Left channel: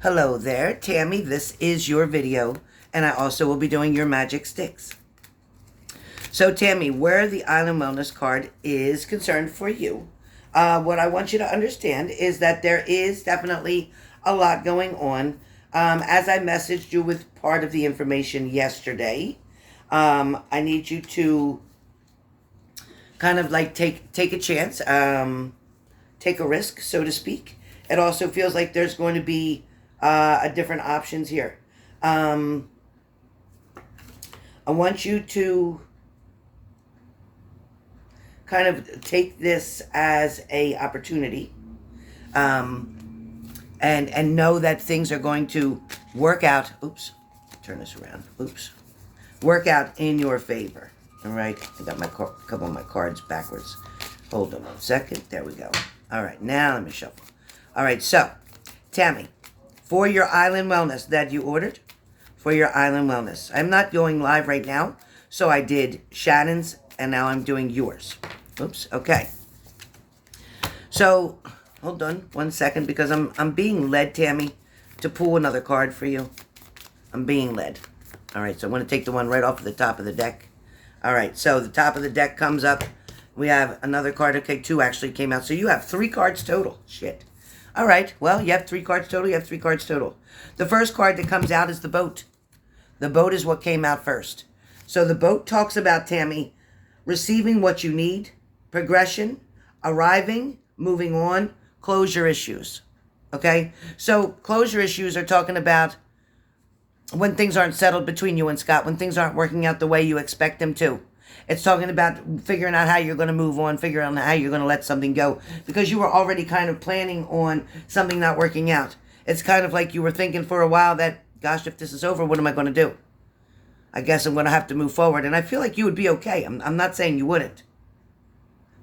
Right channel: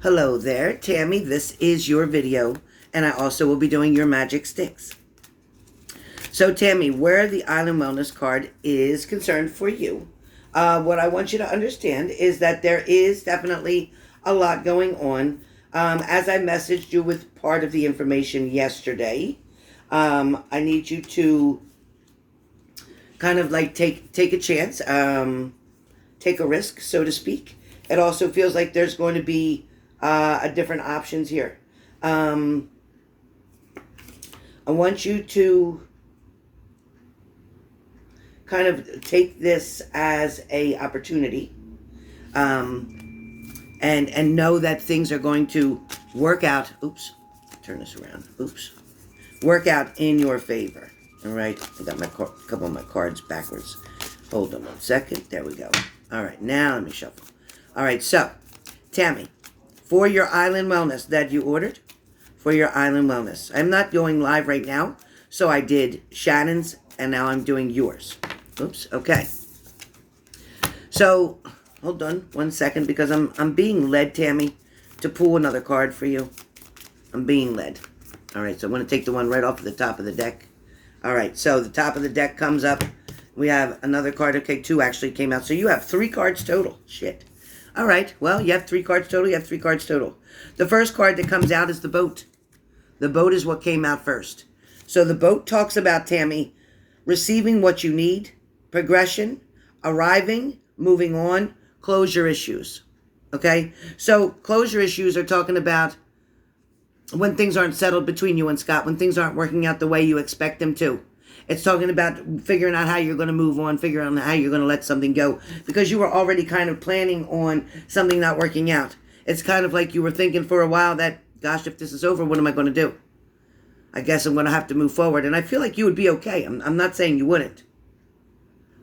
Hello there, Tammy. This is your video, and I also will be doing your magic sticks. So, Tammy, where the Island Wellness card is concerned for you, what I want you to understand is that there is definitely a lot going on. As I messaged you with part of the information yesterday, I need you to kind of like take a chance, take a risk, so to speak. It also feels like there's going to be different options here. I want you to kind of take this as a opportunity, and know that things are going to work out. Oops, turn this around. Oops, work out in your favor. All right, I got my couple of my cards backwards. Hold on 1 second. There we go. All right, now let me shuffle. All right, so Tammy, for your Island Wellness that you ordered, for your Island Wellness. I'm not going live right now, so I did Shannon's, and now I'm doing yours. Oops, okay. So, hold on 1 second, because I'm being led, Tammy, to pull another card for you. I'm being led. All right, so I'm going to take the one right off of the top of the deck. All right, so the top of the deck comes up. We have another card. Okay, 2 actually came out. So you have 3 cards total. Shit. All right, well, you have 3 cards total. You have 3 cards total. The first card that comes out is the boat. The boat is what came out first. So the boat talks about, Tammy, receiving what you need, progression, arriving, moving on, closure issues. Okay? So closure issues are talking about when things aren't settled between you and Scott, when things aren't working out the way you expect them to. It's talking about figuring out how you're going to move on, figuring out how you're going to let something go, because you were already kind of planning on something not working out. It's kind of like you were thinking for a while that, gosh, if this is over, what am I going to do? I guess I'm going to have to move forward. And I feel like you would be okay. I'm not saying you wouldn't.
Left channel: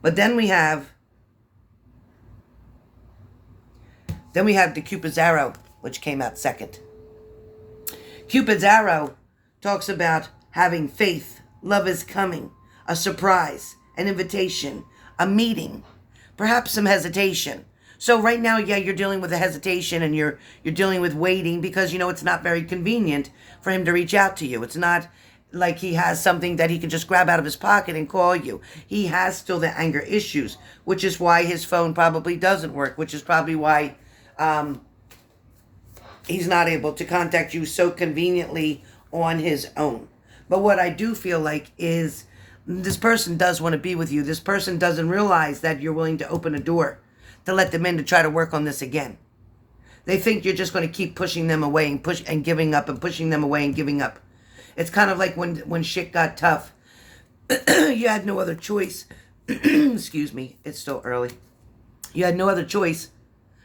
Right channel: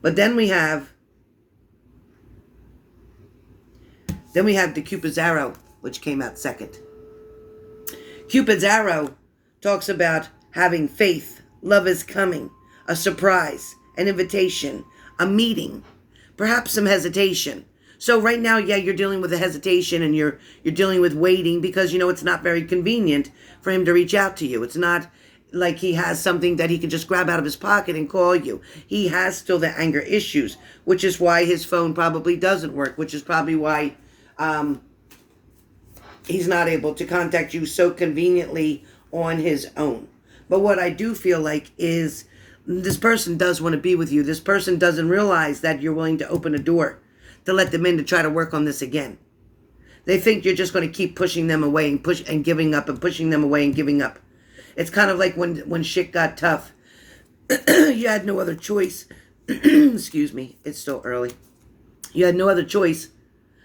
But then we have the Cupid's Arrow, which came out second. Cupid's Arrow talks about having faith, love is coming, a surprise, an invitation, a meeting, perhaps some hesitation. So right now, yeah, you're dealing with a hesitation, and you're dealing with waiting, because you know it's not very convenient for him to reach out to you. It's not like he has something that he can just grab out of his pocket and call you. He has still the anger issues, which is why his phone probably doesn't work, which is probably why he's not able to contact you so conveniently on his own. But what I do feel like is this person does want to be with you. This person doesn't realize that you're willing to open a door to let them in to try to work on this again. They think you're just going to keep pushing them away and giving up, and pushing them away and giving up. It's kind of like when shit got tough. You had no other choice. Excuse me, it's still early. You had no other choice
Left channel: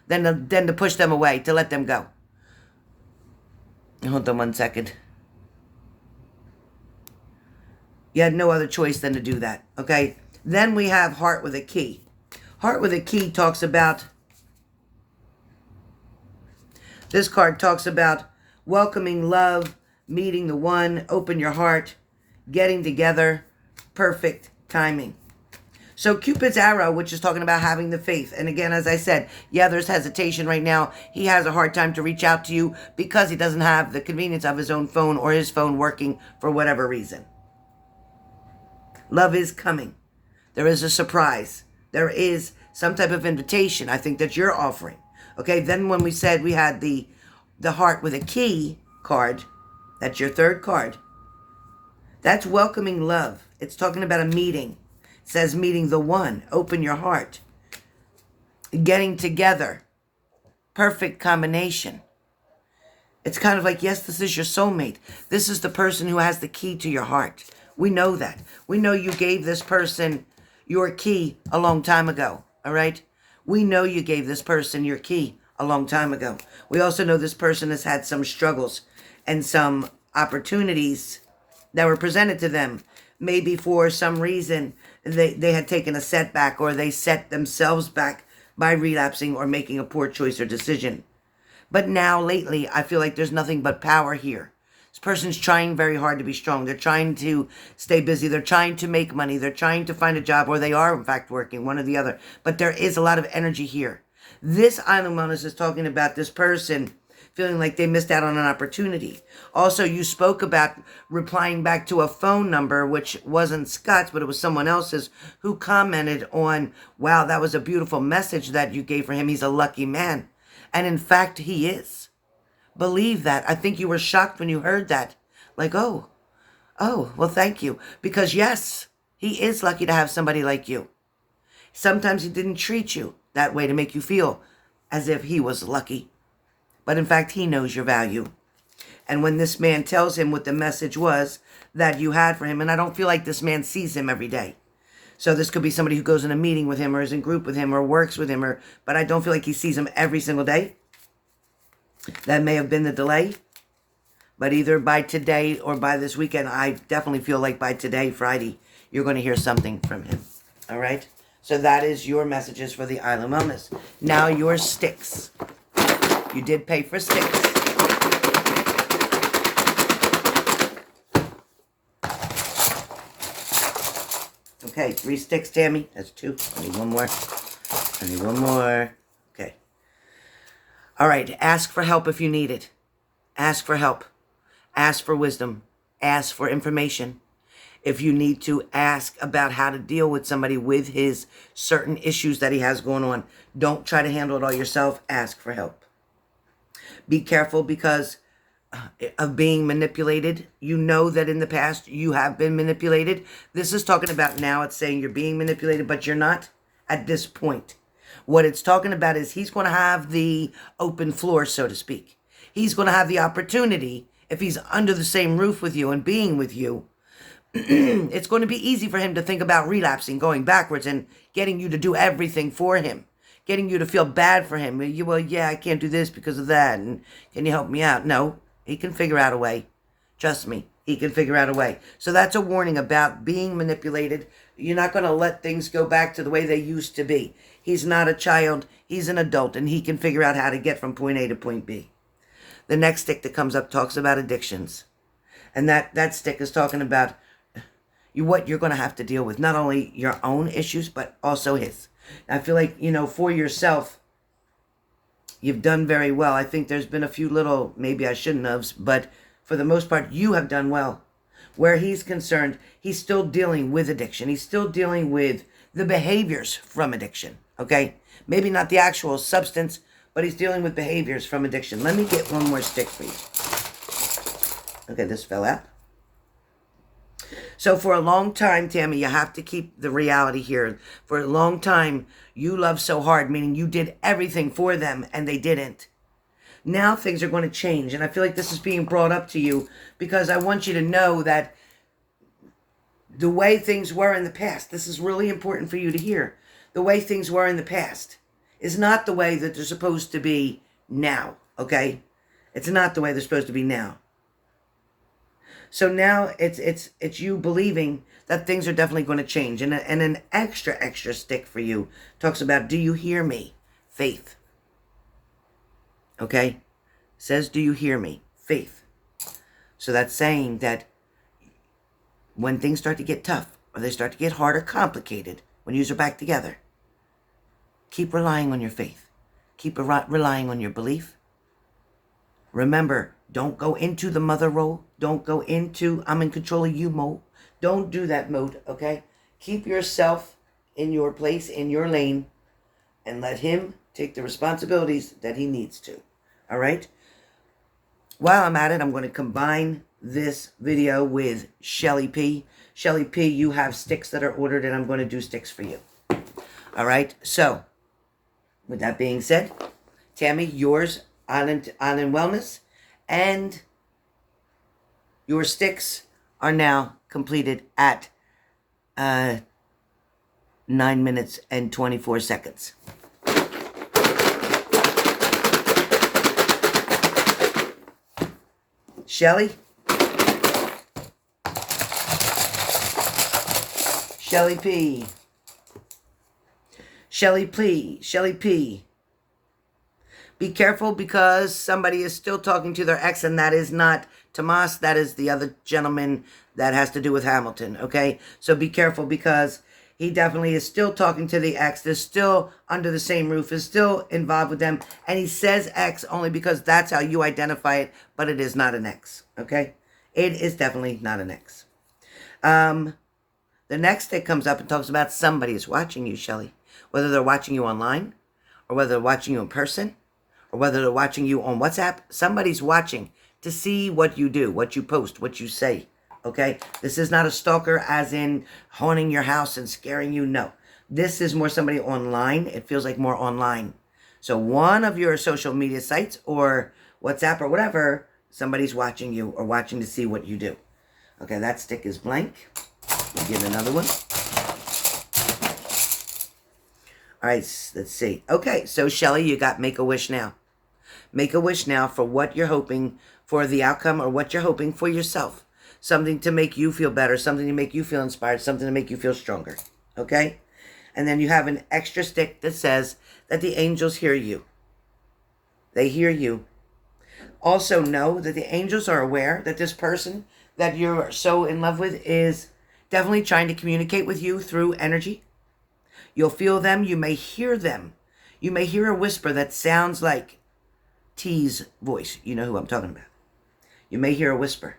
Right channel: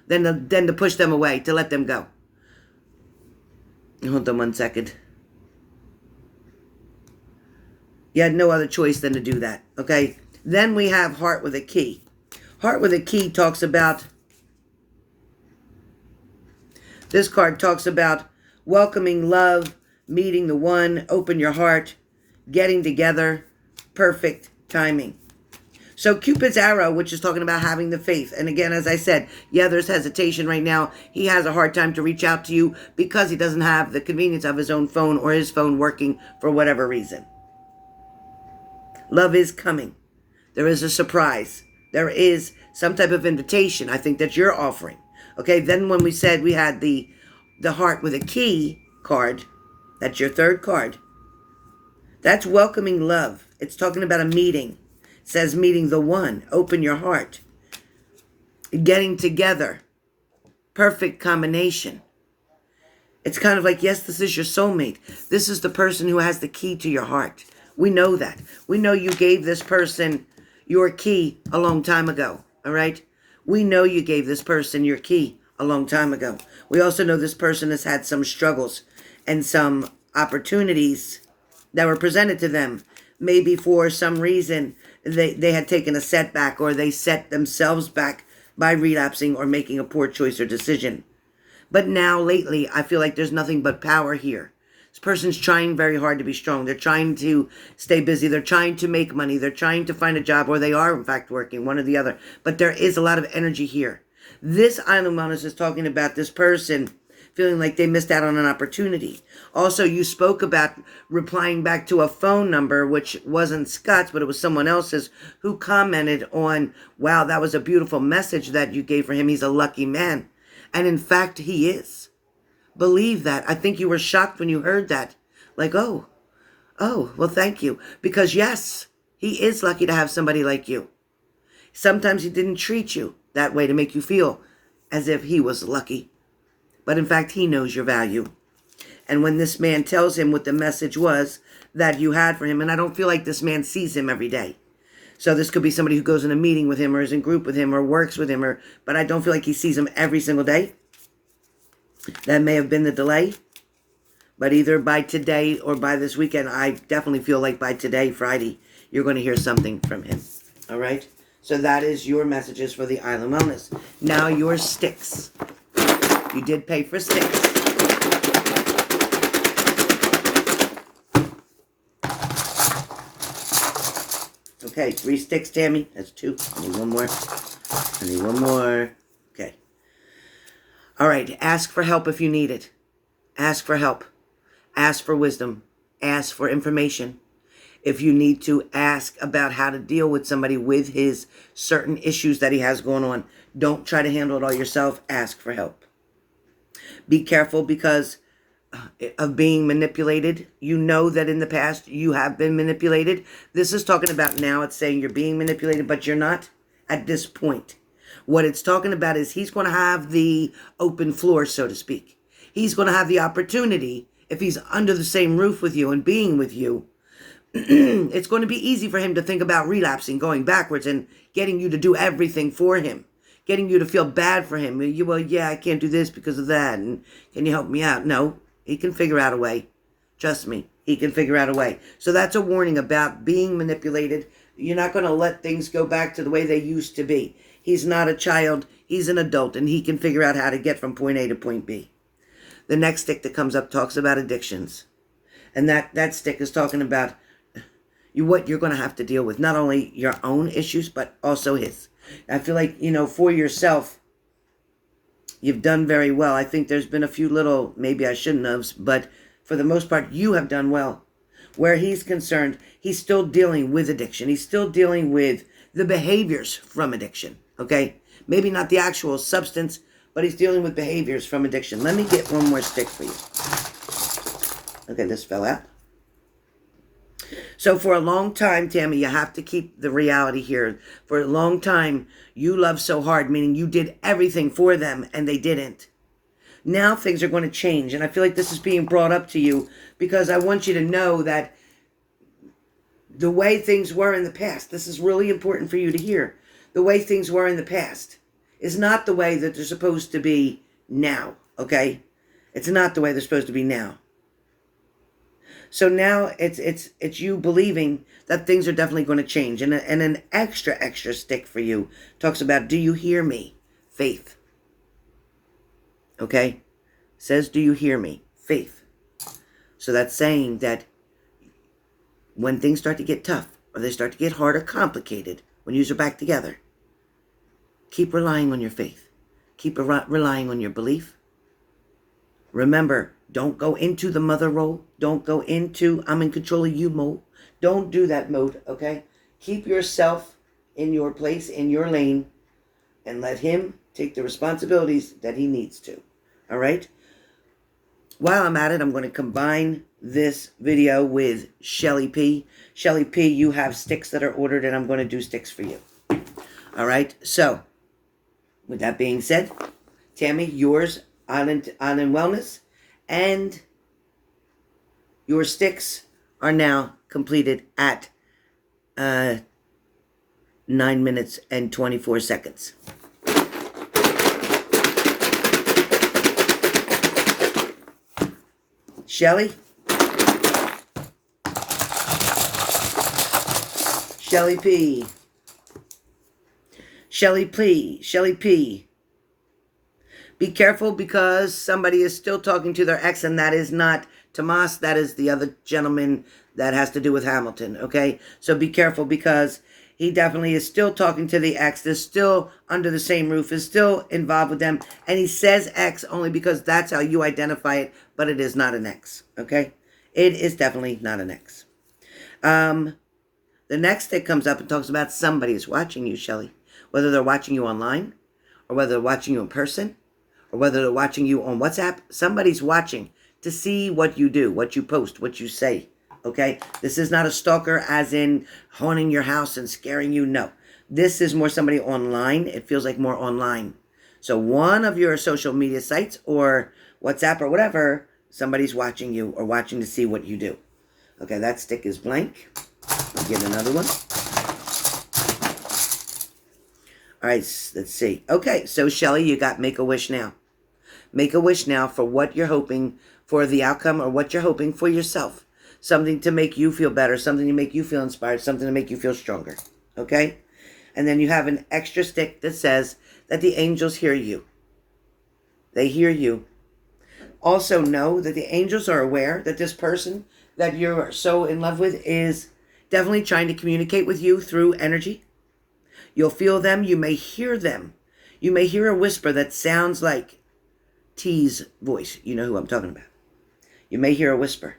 than to push them away, to let them go. Hold on 1 second. You had no other choice than to do that, okay? Then we have Heart with a Key. Heart with a Key talks about, this card talks about welcoming love, meeting the one, open your heart, getting together, perfect timing. So Cupid's Arrow, which is talking about having the faith. And again, as I said, yeah, there's hesitation right now. He has a hard time to reach out to you because he doesn't have the convenience of his own phone, or his phone working for whatever reason. Love is coming. There is a surprise. There is some type of invitation, I think, that you're offering. Okay, then when we said we had the Heart with a Key card, that's your third card. That's welcoming love. It's talking about a meeting. It says meeting the one. Open your heart. Getting together. Perfect combination. It's kind of like, yes, this is your soulmate. This is the person who has the key to your heart. We know that. We know you gave this person your key a long time ago, all right? We know you gave this person your key a long time ago. We also know this person has had some struggles and some opportunities that were presented to them. Maybe for some reason they had taken a setback, or they set themselves back by relapsing or making a poor choice or decision. But now, lately, I feel like there's nothing but power here. This person's trying very hard to be strong. They're trying to stay busy. They're trying to make money. They're trying to find a job, or they are, in fact, working, one or the other. But there is a lot of energy here. This Island Wellness is talking about this person feeling like they missed out on an opportunity. Also, you spoke about replying back to a phone number, which wasn't Scott's, but it was someone else's, who commented on, wow, that was a beautiful message that you gave for him. He's a lucky man. And in fact, he is. Believe that. I think you were shocked when you heard that. Like, oh, well, thank you. Because yes, he is lucky to have somebody like you. Sometimes he didn't treat you that way to make you feel as if he was lucky. But in fact, he knows your value. And when this man tells him what the message was that you had for him, and I don't feel like this man sees him every day. So this could be somebody who goes in a meeting with him or is in group with him or works with him, but I don't feel like he sees him every single day. That may have been the delay. But either by today or by this weekend, I definitely feel like by today, Friday, you're going to hear something from him. All right? So that is your messages for the Island Wellness. Now your Styx. You did pay for Styx. Okay, 3 Styx, Tammy. That's 2. I need 1 more. I need 1 more. Okay. All right, ask for help if you need it. Ask for help. Ask for wisdom. Ask for information. If you need to, ask about how to deal with somebody with his certain issues that he has going on. Don't try to handle it all yourself. Ask for help. Be careful because of being manipulated. You know that in the past you have been manipulated. This is talking about now. It's saying you're being manipulated, but you're not at this point. What it's talking about is he's going to have the open floor, so to speak. He's going to have the opportunity, if he's under the same roof with you and being with you, it's going to be easy for him to think about relapsing, going backwards, and getting you to do everything for him, getting you to feel bad for him. Well, yeah, I can't do this because of that, and can you help me out? No, he can figure out a way. Trust me, he can figure out a way. So that's a warning about being manipulated. You're not going to let things go back to the way they used to be. He's not a child. He's an adult, and he can figure out how to get from point A to point B. The next stick that comes up talks about addictions. And that stick is talking about what you're going to have to deal with. Not only your own issues, but also his. I feel like, for yourself, you've done very well. I think there's been a few little, maybe I shouldn't have, but for the most part, you have done well. Where he's concerned, he's still dealing with addiction. He's still dealing with the behaviors from addiction, okay? Maybe not the actual substance, but he's dealing with behaviors from addiction. Let me get 1 more stick for you. Okay, this fell out. So for a long time, Tammy, you have to keep the reality here. For a long time, you loved so hard, meaning you did everything for them and they didn't. Now things are going to change. And I feel like this is being brought up to you because I want you to know that the way things were in the past, this is really important for you to hear. The way things were in the past is not the way that they're supposed to be now, okay? It's not the way they're supposed to be now. So now it's you believing that things are definitely going to change. And an extra stick for you talks about, do you hear me? Faith. Okay? Says, do you hear me? Faith. So that's saying that when things start to get tough, or they start to get hard or complicated, when you are back together, keep relying on your faith. Keep relying on your belief. Remember, don't go into the mother role. Don't go into I'm in control of you mode. Don't do that mode, okay? Keep yourself in your place, in your lane, and let him take the responsibilities that he needs to, all right? While I'm at it, I'm going to combine this video with Shelly P. Shelly P, you have sticks that are ordered, and I'm going to do sticks for you. All right? So, with that being said, Tammy, yours on wellness, and your sticks are now completed at 9 minutes and 24 seconds. Shelly? Shelly P. Shelly P. Shelly P. Be careful because somebody is still talking to their ex, and that is not Tomas. That is the other gentleman that has to do with Hamilton, okay? So be careful because He definitely is still talking to the ex. They're still under the same roof, is still involved with them. And he says ex only because that's how you identify it, but it is not an ex, okay? It is definitely not an ex. The next that comes up and talks about somebody is watching you, Shelly. Whether they're watching you online, or whether they're watching you in person, or whether they're watching you on WhatsApp, somebody's watching to see what you do, what you post, what you say. Okay, this is not a stalker as in haunting your house and scaring you. No, this is more somebody online. It feels like more online. So one of your social media sites or WhatsApp or whatever, somebody's watching you or watching to see what you do. Okay, that stick is blank. I'll get another one. All right, let's see. Okay, so Shelly, you got make a wish now. Make a wish now for what you're hoping for the outcome or what you're hoping for yourself. Something to make you feel better, something to make you feel inspired, something to make you feel stronger, okay? And then you have an extra stick that says that the angels hear you. They hear you. Also know that the angels are aware that this person that you're so in love with is definitely trying to communicate with you through energy. You'll feel them. You may hear them. You may hear a whisper that sounds like T's voice. You know who I'm talking about. You may hear a whisper.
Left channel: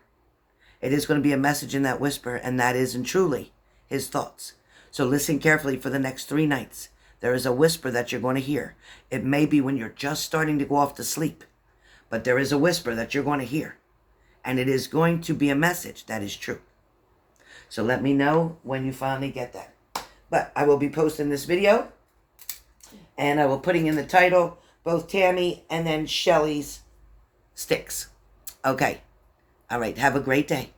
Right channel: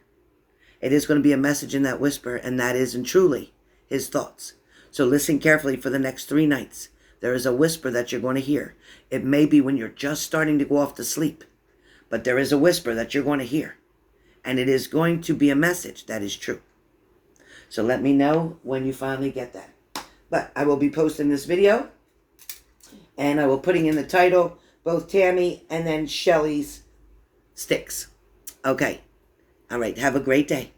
It is going to be a message in that whisper, and that is and truly his thoughts. So listen carefully for the next 3 nights. There is a whisper that you're going to hear. It may be when you're just starting to go off to sleep, but there is a whisper that you're going to hear, and it is going to be a message that is true. So let me know when you finally get that. But I will be posting this video, and I will putting in the title both Tammy and then Shelly's Styx. Okay. All right. Have a great day.